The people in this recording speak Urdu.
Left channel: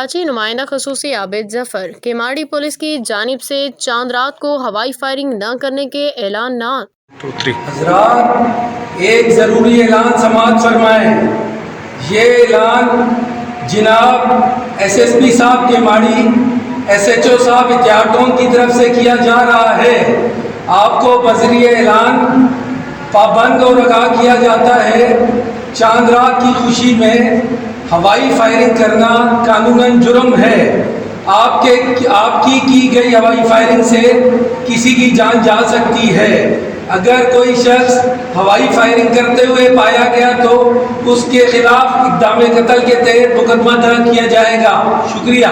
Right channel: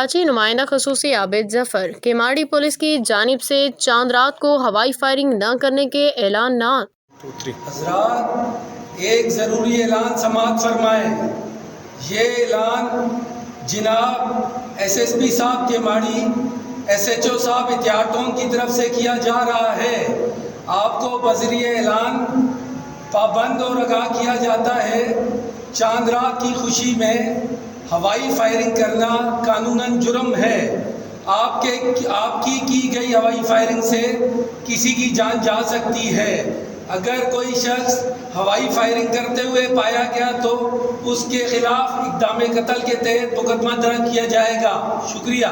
کراچی نمائندہ خصوصی عابد ظفر کیماڑی پولیس کی جانب سے چاند رات کو ہوائی فائرنگ نہ کرنے کے اعلانات۔ حضرات، ایک ضروری اعلان سماعت فرمائیں۔ یہ اعلان جناب ایس ایس پی صاحب کیماڑی، ایس ایچ او صاحب اتیاٹون کی طرف سے کیا جا رہا ہے۔ آپ کو بذریعہ اعلان پابند اور آگاہ کیا جاتا ہے، چاند رات کی خوشی میں ہوائی فائرنگ کرنا قانوناً جرم ہے۔ آپ کی گئی ہوائی فائرنگ سے کسی کی جان جا سکتی ہے۔ اگر کوئی شخص ہوائی فائرنگ کرتے ہوئے پایا گیا تو اس کے خلاف اقدام قتل کے تحت مقدمہ درج کیا جائے گا۔ شکریہ۔